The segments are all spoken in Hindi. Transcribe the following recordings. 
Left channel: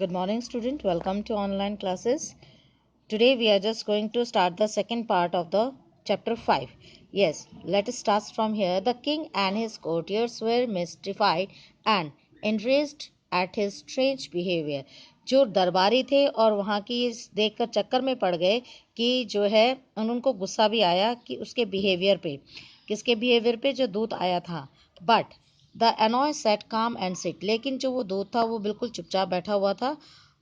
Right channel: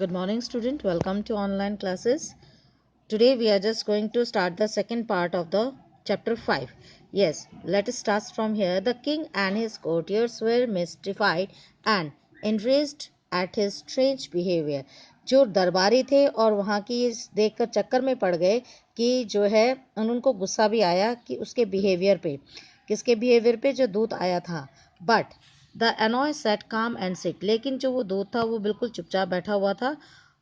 Good morning, student. Welcome to online classes. Today we are just going to start the second part of the chapter 5. Yes, let us start from here. The king and his courtiers were mystified and enraged at his strange behavior. जो दरबारी थे और वहाँ की देखकर चक्कर में पड़ गए कि जो है उनको गुस्सा भी आया कि उसके बिहेवियर पे, किसके बिहेवियर पे, जो दूत आया था. बट द एनॉय सेट काम एंड सिट, लेकिन जो वो दूत था वो बिल्कुल चुपचाप बैठा हुआ था.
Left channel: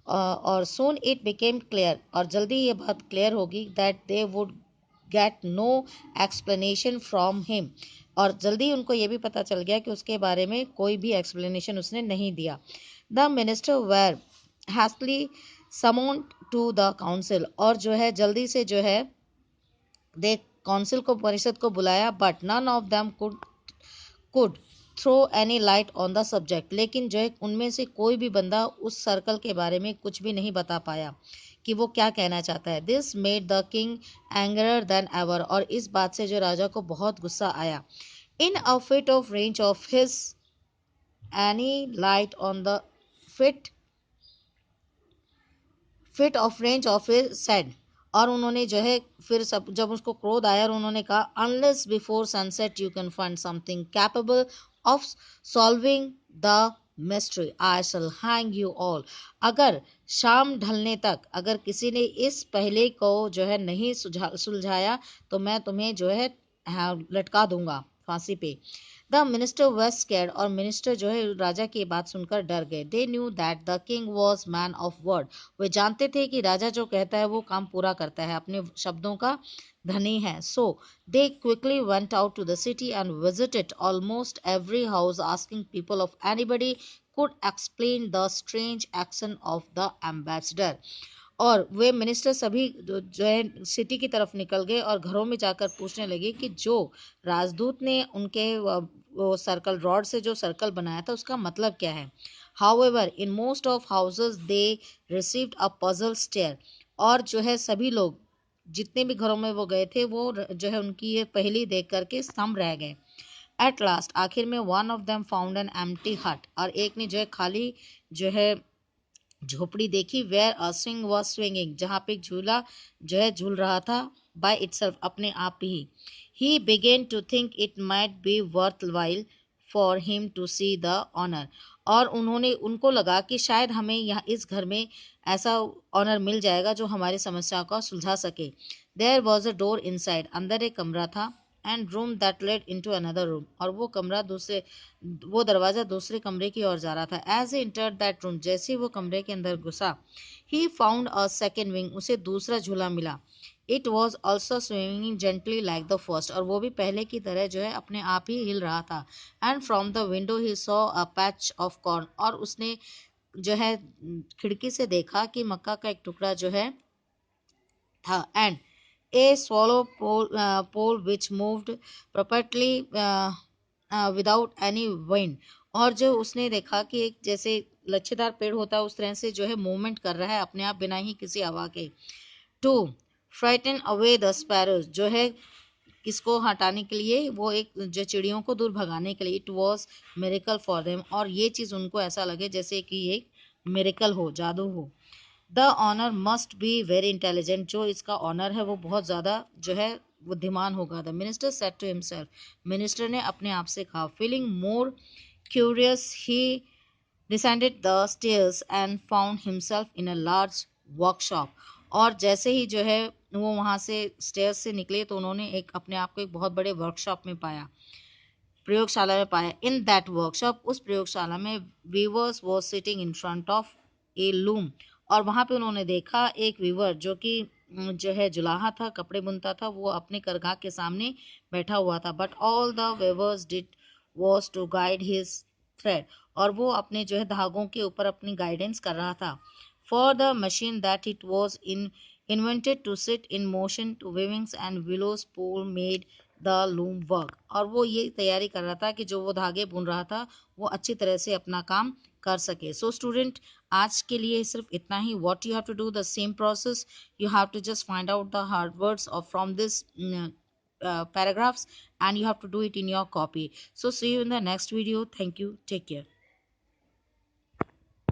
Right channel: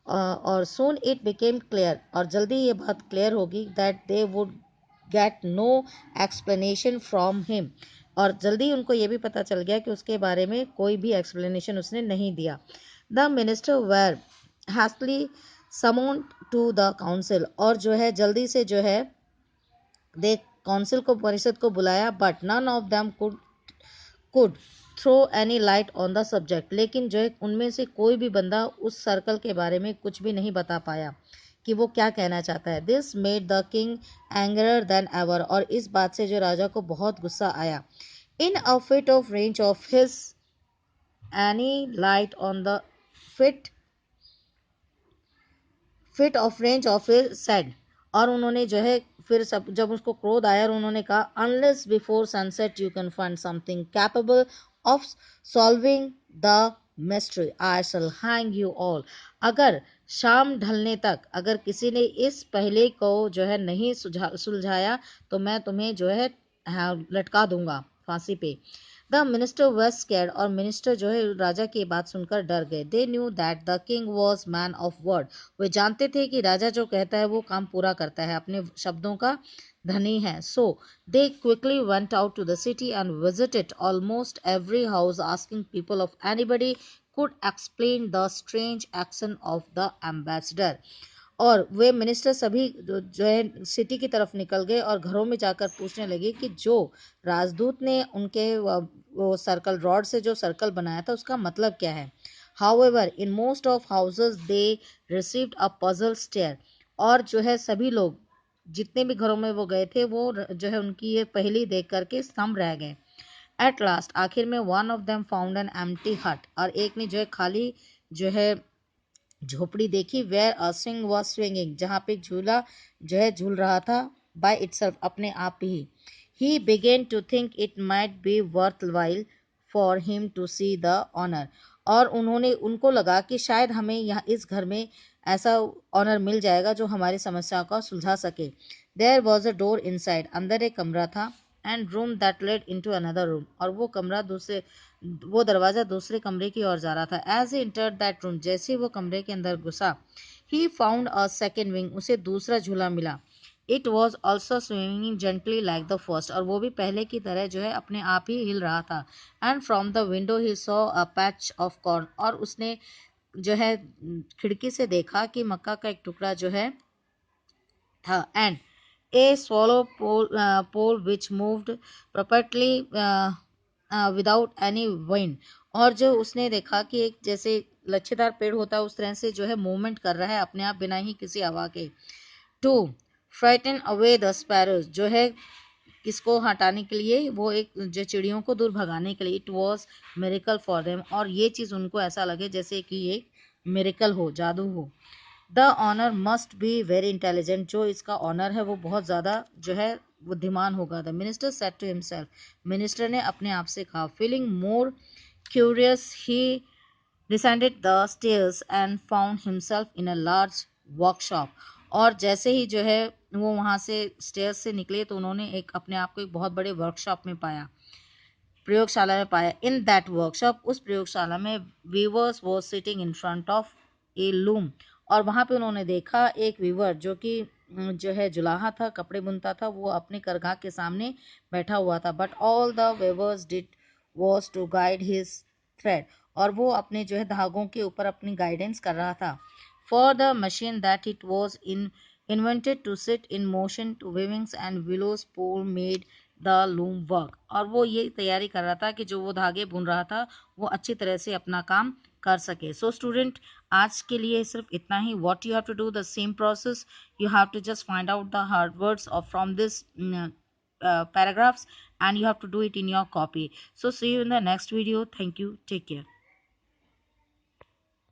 और सोन इट बिकेम क्लियर, और जल्दी ये बात क्लियर होगी that they would get no explanation from him, और जल्दी उनको ये भी पता चल गया कि उसके बारे में कोई भी एक्सप्लेनेशन उसने नहीं दिया. The minister were hastily summoned to the council, और जो है जल्दी से जो है दे काउंसिल को, परिषद को बुलाया. But none of them could throw any light on the subject, लेकिन जो है उनमें से कोई भी बंदा उस सर्कल के बारे में कुछ भी नहीं बता पाया कि वो क्या कहना चाहता है. This made the king angrier than ever, और इस बात से जो राजा को बहुत गुस्सा आया. In a fit of rage of his any light on the fit fit of rage of his said, और उन्होंने जो है फिर सब जब उसको क्रोध आया और उन्होंने कहा unless before sunset you can find something capable of solving the mystery I shall hang you all. अगर शाम ढलने तक अगर किसी ने इस पहले को जो है नहीं सुलझाया तो मैं तुम्हें जो है लटका दूंगा फांसी पे. द मिनिस्टर was scared, और मिनिस्टर जो है राजा की बात सुनकर डर गए. They knew that the king was man of word, वे जानते थे कि राजा जो कहता है वो काम पूरा करता है, अपने शब्दों का धनी है. So they quickly went out to the city and visited almost every house asking people of anybody could explain the strange action of the ambassador. और वे मिनिस्टर सभी जो है सिटी की तरफ निकल गए और घरों में जाकर पूछने लगे कि जो राजदूत ने उनके वो सर्कल रॉड से जो सर्कल बनाया था उसका मतलब क्या है. However, in most of houses they received a puzzled stare, और जो है सभी लोग जितने भी घरों में वो गए थे वो जो है उनकी ये पहेली देख करके स्तंभ रह गए. एट लास्ट, आखिर में one of them found an empty हट, और एक ने जो है खाली जो है झोपड़ी देखी. Where a swing was swinging, जहाँ पे झूला जो है झूल रहा था बाय इटसेल्फ, अपने आप ही. He began to think it might be worthwhile for him to see the honour, और उन्होंने उनको लगा कि शायद हमें यहाँ इस घर में ऐसा ऑनर मिल जाएगा जो हमारी समस्या को सुलझा सके. There was a door inside, अंदर एक कमरा था. And room that led into another room, और वो दरवाजा दूसरे कमरे की ओर जा रहा था. As he entered that room, जैसे वो कमरे के अंदर घुसा, he found a second wing, उसे दूसरा झूला मिला. It was also swinging gently like the first, और वो भी पहले की तरह जो है अपने आप ही हिल रहा था. And from the window he saw a patch of corn, और उसने जो है खिड़की से देखा कि मक्का का एक टुकड़ा जो है था. And A swallow pole which moved perpetually without any wind, और जो उसने देखा कि एक जैसे लच्छेदार पेड़ होता है उस तरह से जो है मूवमेंट कर रहा है अपने आप बिना ही किसी हवा के. To frighten away the sparrows, जो है किसको हटाने के लिए, वो एक जो चिड़ियों को दूर भगाने के लिए. It was miracle for them, और ये चीज़ उनको ऐसा लगे जैसे कि ये मेरिकल हो, जादू हो. The owner must be very intelligent, जो इसका ऑनर है वो बहुत ज़्यादा जो है बुद्धिमान होगा. The minister said to himself, minister ने अपने आप से कहा. Feeling more curious he descended the stairs and found himself in a large workshop, और जैसे ही जो है वो वहाँ से स्टेयर्स से निकले तो उन्होंने एक अपने आप को एक बहुत बड़े वर्कशॉप में पाया, प्रयोगशाला में पाया. इन दैट वर्कशॉप, उस प्रयोगशाला में वीवर्स वो sitting in front of A loom, और वहाँ पे उन्होंने देखा एक वीवर जो कि जो है जुलाहा था, कपड़े बुनता था, वो अपने करघा के सामने बैठा हुआ था. But all the viewers did was to guide his thread, और वो अपने जो है धागों के ऊपर अपनी गाइडेंस कर रहा था. For the machine that it was in invented to sit in motion to weavings and willows pole made the loom work, और वो ये तैयारी कर रहा था कि जो वो धागे बुन रहा था वो अच्छी तरह से अपना काम कर सके. सो स्टूडेंट, आज के लिए सिर्फ इतना ही. What you have to do the same process, you have to just find out the hard words और from this paragraphs, and you have to do it in your copy. So see you in the next video. Thank you. Take care.